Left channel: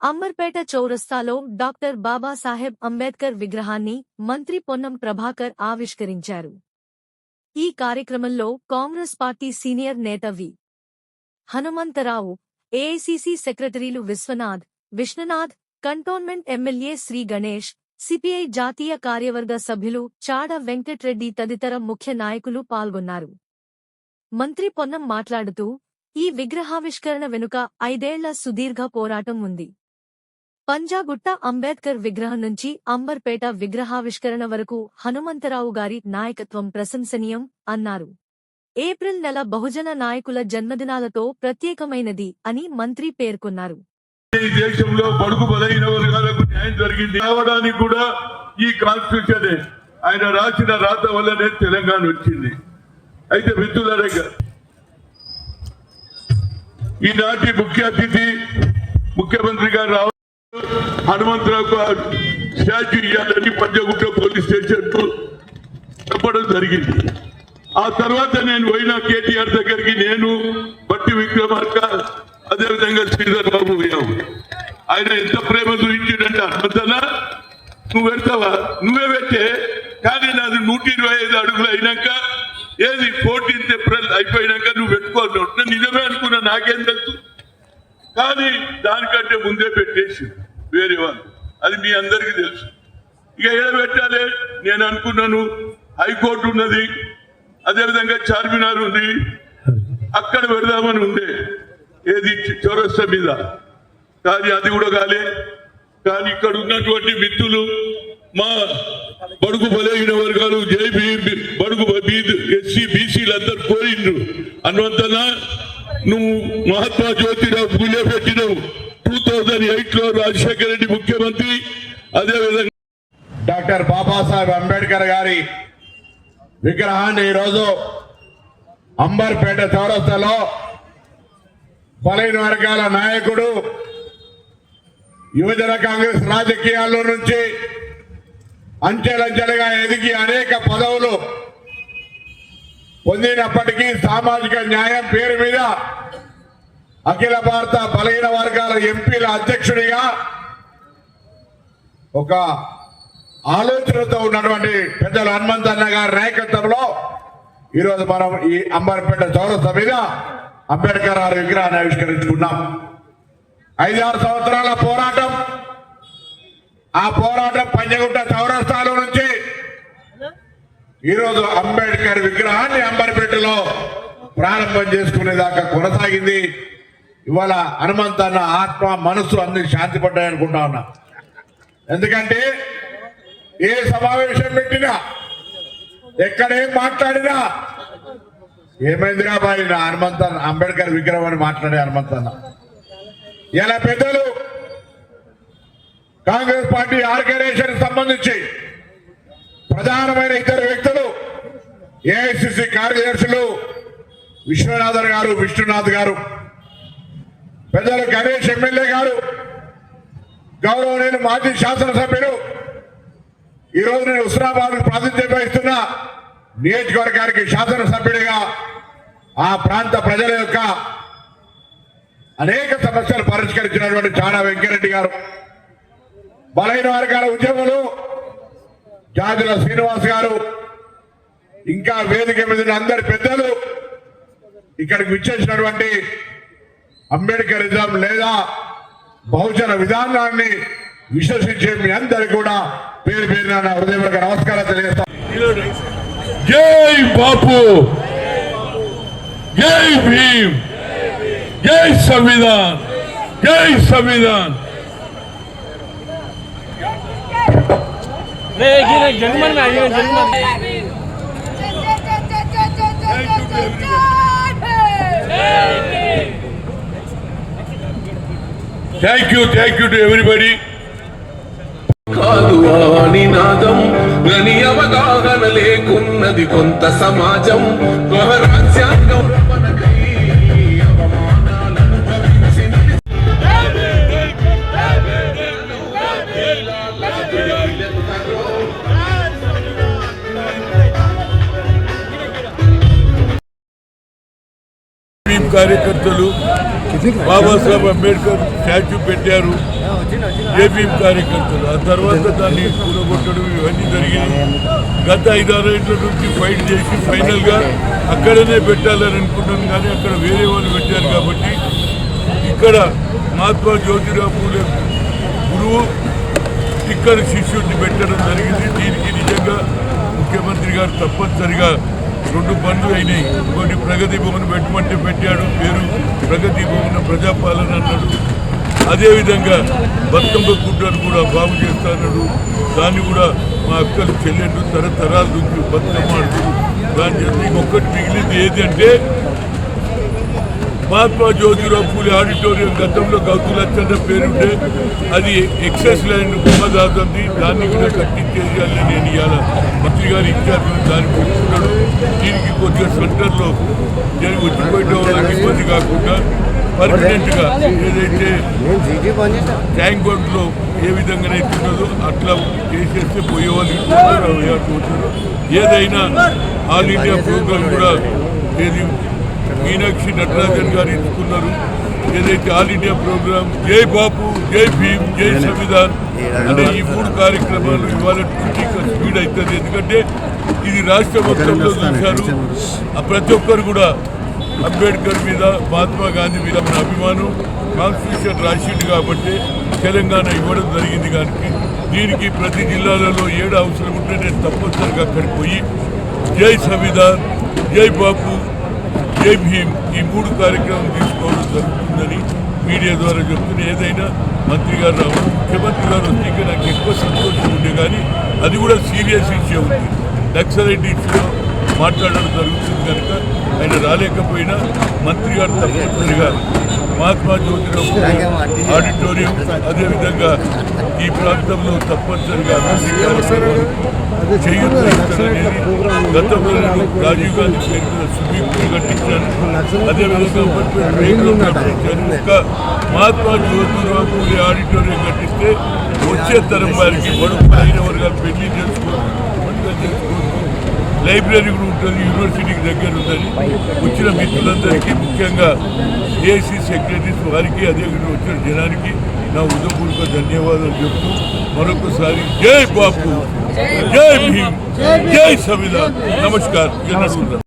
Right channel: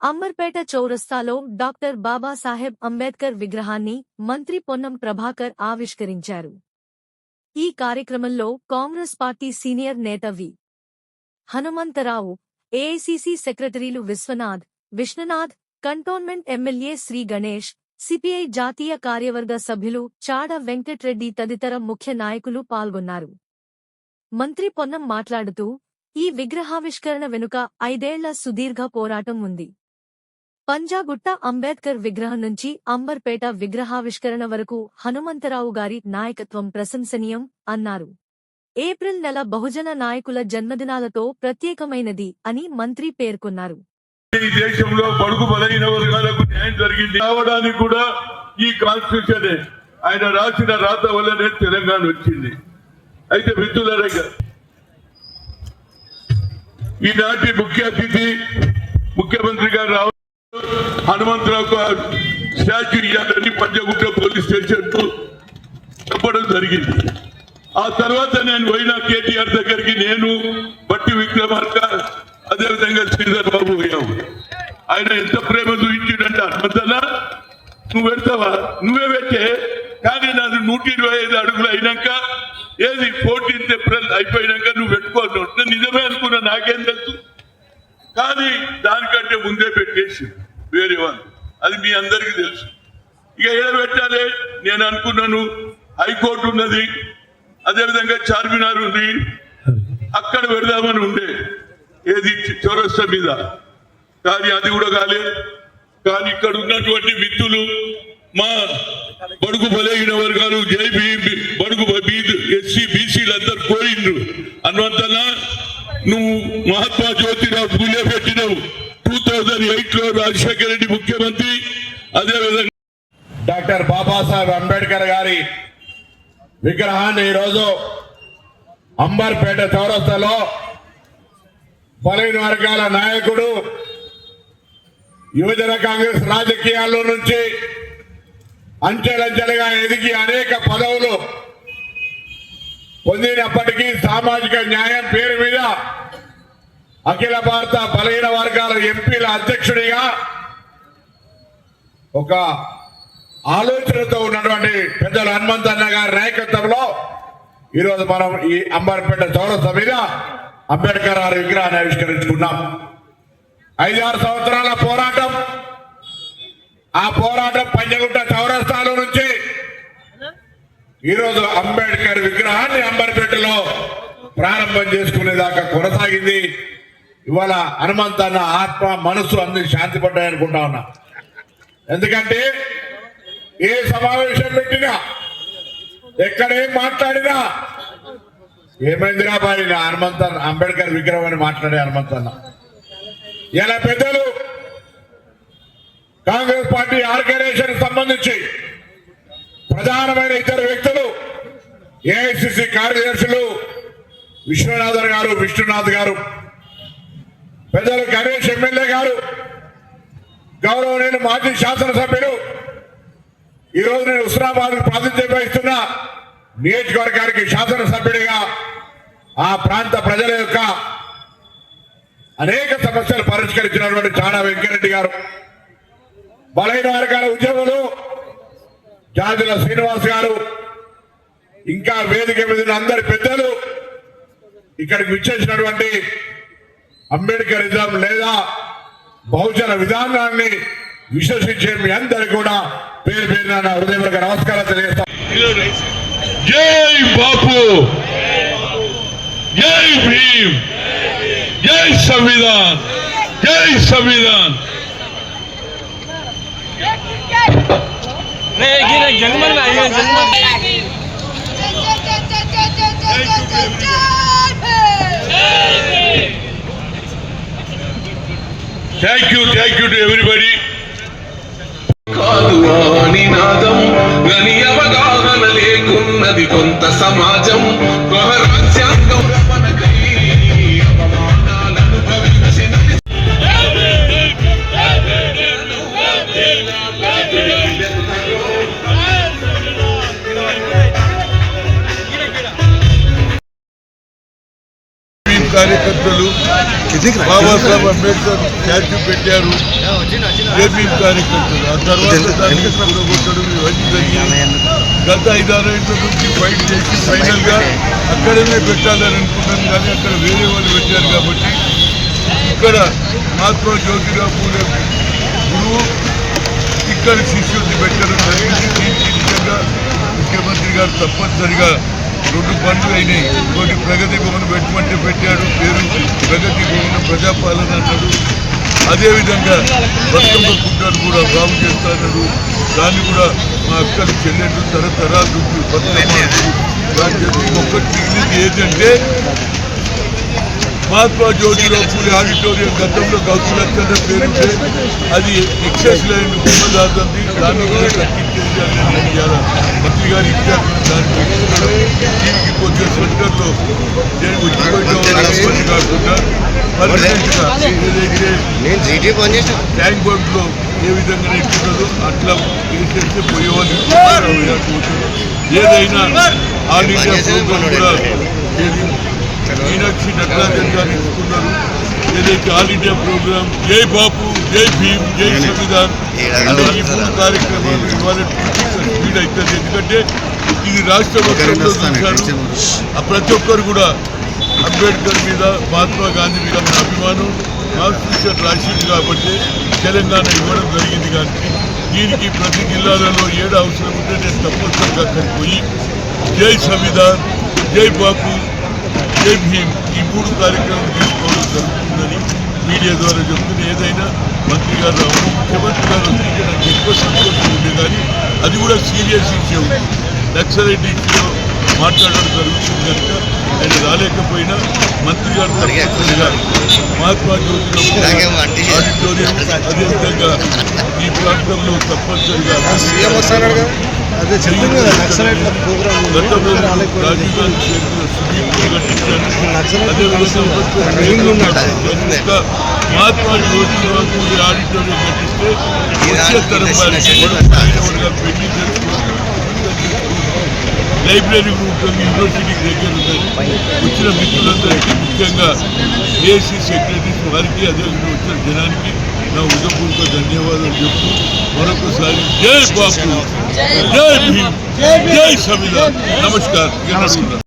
అంబర్పేట చౌరస్తాలో డాక్టర్ బాబాసాహెబ్ అంబేద్కర్ విగ్రహాన్ని మంత్రి పొన్నం ప్రభాకర్ ఆవిష్కరించారు. ఈ కార్యక్రమంలో కాంగ్రెస్ పార్టీ సీనియర్ నేత వి. హనుమంతరావు, ఏఐసీసీ సెక్రటరీలు Vishwanath, cantonment MLA Shri Ganesh, CPI జాతీయ కార్యవర్గ సభ్యులు చాడ వెంకట్రెడ్డి తదితర ముఖ్య నాయకులు పాల్గొన్నారు. మంత్రి పొన్నం మాట్లాడుతూ, ఈ విగ్రహావిష్కరణ వెనుక 5 ఏళ్ల సుదీర్ఘ పోరాటం ఉంది. పంజాగుట్ట అంబేద్కర్ విగ్రహం నుంచి అంబర్పేట విగ్రహావిష్కరణ వరకు హనుమంతరావు గారి నాయకత్వం ప్రశంసనీయం అన్నారు. ఏప్రిల్ నెల బహుజన నాయకుల జన్మదినాలతో ప్రత్యేకమైనది అని మంత్రి పేర్కొన్నారు. ఈ దేశంలో బడుగు బలైన వర్గాలకు న్యాయం జరిగింది రావడానికి కూడా ఈ కాన్స్టిట్యూషన్ ఆయన రాసిన రాత వల్లనే తెలంగాణ వచ్చింది. అయితే మిత్రులారా, ఈనాటి ముఖ్య అతిథి ముఖ్యమంత్రి గారు హనుమంతరావుకు స్టాచ్యూ ఇవ్వాలని పంజాగుట్ట పోలీస్ స్టేషన్ చెప్పడం జరిగింది. ఆ తర్వాత నేను పోయిన కేటీఆర్ దగ్గరికి నేను బట్టి విక్రమార్క అదేవిధంగా శ్రీధర్ బాబు పోయాము. ఆయన ఎంత ప్రేమ చూపించిందంటే హనుమంతలా నువ్వు పెడతావా, నువ్వే పెట్టే, కానీ నాది 125 అడుగులు అయినాక ఏది 14th ఏప్రిల్ అయిపోయినాక నువ్వు పెట్టుకోవాలి. నేను నిజమే అనుకున్నా, నాకేం తెలుసు, కానీ దానికంటే ముందే పెట్టేసి వేరే వాళ్ళు, అది మీ అందరికీ తెలుసు. ఇక ఏడ పెట్టాలి నేను అనుకున్నాను, హైకోర్టు ఉన్నది, అదేవిధంగా చార్మినార్ ఉంది, అక్కడ పెడదామని ఉండే ఏది చౌరస్తా మీద, కానీ అది కూడా కాలే. కానీ ఇక్కడ ఉన్నటువంటి మిత్రులు మా బడుగు బలైన వర్గాలు బడుగు ఎస్సీ బీసీలు అందరు పోయిండ్రు. హనుమంతన్న నువ్వు మహాత్మా జ్యోతిరావు పూలే పెట్టినవు 2008లో రాజశేఖర రెడ్డి ముఖ్యమంత్రి, అదేవిధంగా డాక్టర్ బాబాసాహెబ్ అంబేద్కర్ గారి విగ్రహాన్ని ఈరోజు అంబర్పేట చౌరస్తాలో బలైన వర్గాల నాయకుడు, యువజన కాంగ్రెస్ రాజకీయాల్లో నుంచి అంచెలంచెలుగా ఎదిగి అనేక పదవులు పొందినప్పటికీ సామాజిక న్యాయం పేరు మీద అఖిల భారత బలహీన వర్గాల ఎంపీల అధ్యక్షుడిగా ఒక ఆలోచనతో ఉన్నటువంటి పెద్దలు హనుమంతన్న గారి నాయకత్వంలో ఈరోజు మనం ఈ అంబర్పేట చౌరస్తా మీద అంబేద్కర్ గారి విగ్రహాన్ని ఆవిష్కరించుకున్నాం. 5-6 సంవత్సరాల పోరాటం, ఆ పోరాటం పంజగుట్ట చౌరస్తాలో నుంచి ఈరోజు అంబేద్కర్ విగ్రహాన్ని అంబర్పేటలో ప్రారంభం చేసుకునేదాకా కొనసాగింది. ఇవాళ హనుమంతన్న ఆత్మ మనసు అన్ని శాంతి పడ్డాయనుకుంటా ఉన్నా. ఎందుకంటే ఏ సమావేశం పెట్టినా, ఎక్కడేం మాట్లాడినా ఏమైందిరా బాడిన హనుమంతన్న అంబేద్కర్ విగ్రహం అని మాట్లాడే హనుమంతన్న. ఇలా పెద్దలు కాంగ్రెస్ పార్టీ ఆర్గనైజేషన్ సంబంధించి ప్రధానమైన ఇతర వ్యక్తులు, ఏఐసిసి కార్యదర్శులు విశ్వనాథ్ గారు, పెద్దలు గణేష్ ఎమ్మెల్యే గారు, గౌరవనీయులు మాజీ శాసనసభ్యులు, ఈరోజు నేను హుస్నాబాద్ ప్రాతినిధ్యం వహిస్తున్న నియోజకవర్గానికి శాసనసభ్యుడిగా ఆ ప్రాంత ప్రజల యొక్క అనేక సమస్యలు పరిష్కరించినటువంటి చాడ వెంకరెడ్డి గారు, బలహీన వర్గాల ఉద్యమంలో జాజుల శ్రీనివాస్ గారు, ఇంకా వేదిక మీద అందరి పెద్దలు, ఇక్కడికి విచ్చేసినటువంటి అంబేద్కరిజం లేదా బహుజన విధానాన్ని విశ్వసించే మీ అందరికీ కూడా పేరు పేరున నా హృదయపూర్వక నమస్కారం తెలియజేస్తాను. జై బాపు, జై భీమ్, జై సంవిధాన్, జై Samvidhan. Thank you to everybody. కాదు అని నాదం గని అవగాహన లేకున్నది కొంత సమాజం రాజ్యాంగం అవమానాలను భవించినది. కార్యకర్తలు బాబాసాహెబ్ అంబేద్కర్ స్టాచ్యూ పెట్టారు జేపీఎం కార్యకర్తలు. ఆ తర్వాత దాన్ని కూడగొట్టడం ఇవన్నీ జరిగింది. గత 5-6 ఏళ్ల నుంచి ఫైట్ చేసి ఫైనల్ గా అక్కడనే పెట్టాలని అనుకున్నాను, కానీ అక్కడ వేరే వాళ్ళు పెట్టారు. కాబట్టి ఇక్కడ మహాత్మా జ్యోతిరావు పూలే గురువు ఇక్కడ శిష్యుడిని పెట్టడం జరిగింది. దీనికి నిజంగా ముఖ్యమంత్రి గారు తప్పనిసరిగా 2 పనులు అయినాయి. ఇంకోటి ప్రగతి భవన్ పెట్టమంటే పెట్టాడు, పేరు ప్రగతి భవన్ ప్రజాపాలన అన్నాడు. అదేవిధంగా బతుకమ్మ గుడ్డను కూడా బాగు చేస్తాడు. దాన్ని కూడా మా అక్కలు చెల్లెళ్ళు తరతరాల నుంచి బతుకమ్మ దాని చెప్పి ఒక్కటి మిగిలింది ఏంటంటే మహాత్మా జ్యోతిరావు పూలే ఆడిటోరియం గతంలో గౌతులచ్చన్న పేరుంటే అది ఎక్సెస్ ల్యాండ్ బొమ్మదాదంది, దాన్ని కూడా కట్టించేది అని నేను ఇవాళ మంత్రి గారు ఇచ్చారు. దాన్ని పెట్టుకున్నాడు. దీనికి కొంచెం సెంటర్లో వచ్చిపోయిన వాళ్ళకి ఇబ్బంది కాకుండా పర్మనెంట్గా ఏదైతే ట్యాంక్ బండ్లో ఏ విధంగా ఇస్తున్నదో అట్లా చేసేస్తే పోయేవాళ్ళు ఏదైనా ఆల్ ఇండియా ప్రోగ్రాం కూడా మీనాక్షి నటరాజన్ గారు ఇచ్చుకున్నారు. ఏదైతే ఆల్ ఇండియా ప్రోగ్రాం జై బాపు, జై భీమ్, జై సంవిధాన్ అనే ఈ 3 కార్యక్రమాలు ఇవాళ స్పీడ్ అవుతుంది. ఎందుకంటే ఇది రాష్ట్ర మొత్తంలో చూశారు. ప్రతి ఒక్కరు కూడా అంబేద్కర్ మీద, మహాత్మా గాంధీ మీద మన అభిమానం. కాన్స్టిట్యూషన్ రాసింది కాబట్టి తెలంగాణ ఇవ్వడం జరిగింది. కానీ దీనికి ప్రతి జిల్లాలలో ఏడు అవసరం ఉంటే నేను తప్పనిసరిగా అక్కడికి పోయి జై సంవిధాన్, జై బాపు, జై భీమ్ ఈ 3 కార్యక్రమం తీసుకోవడం జరుగుతుందని మీడియా ద్వారా చెప్తున్న. ఏదైనా మంత్రి గారు రావడం, ముఖ్యమంత్రి గారు వస్తే నాకు ఎక్కువ సంతోషం ఉండే, కానీ అది కూడా సీరియస్ ఇష్యూ ఉంది. నక్సలైట్ ఇష్యూలో మాట్లాడడం జరుగుతుంది కనుక ఆయన రాలేకపోయినా మంత్రి గారు తప్పనిసరిగా మహాత్మా జ్యోతిరావు ఆడిటోరియం అదేవిధంగా ఈ ప్రాంతంలో తప్పనిసరిగా గతంలో రాజీవ్ గాంధీ పేరు మీద స్విమ్మింగ్ పూల్ కట్టించాను. అదేవిధంగా ఇంకా మహాత్మా జ్యోతిరావు పూలే ఆడిటోరియం కట్టిస్తే వచ్చే తరం వారికి బడుగులైన వర్గాలు పెళ్లి చేసుకోవచ్చు, లైబ్రరీ కూడా ఉంటుంది, యూనివర్సిటీకి దగ్గర ఉందని వచ్చిన మిత్రులందరికీ ముఖ్యంగా ఏసీ సెక్రటరీస్ వారికి అదేవిధంగా వచ్చిన జనానికి నా హృదయపూర్వక ధన్యవాదాలు చెప్తూ మరొకసారి జై బాపు, జై భీమ్, జై సంవిధాన్. నమస్కారం.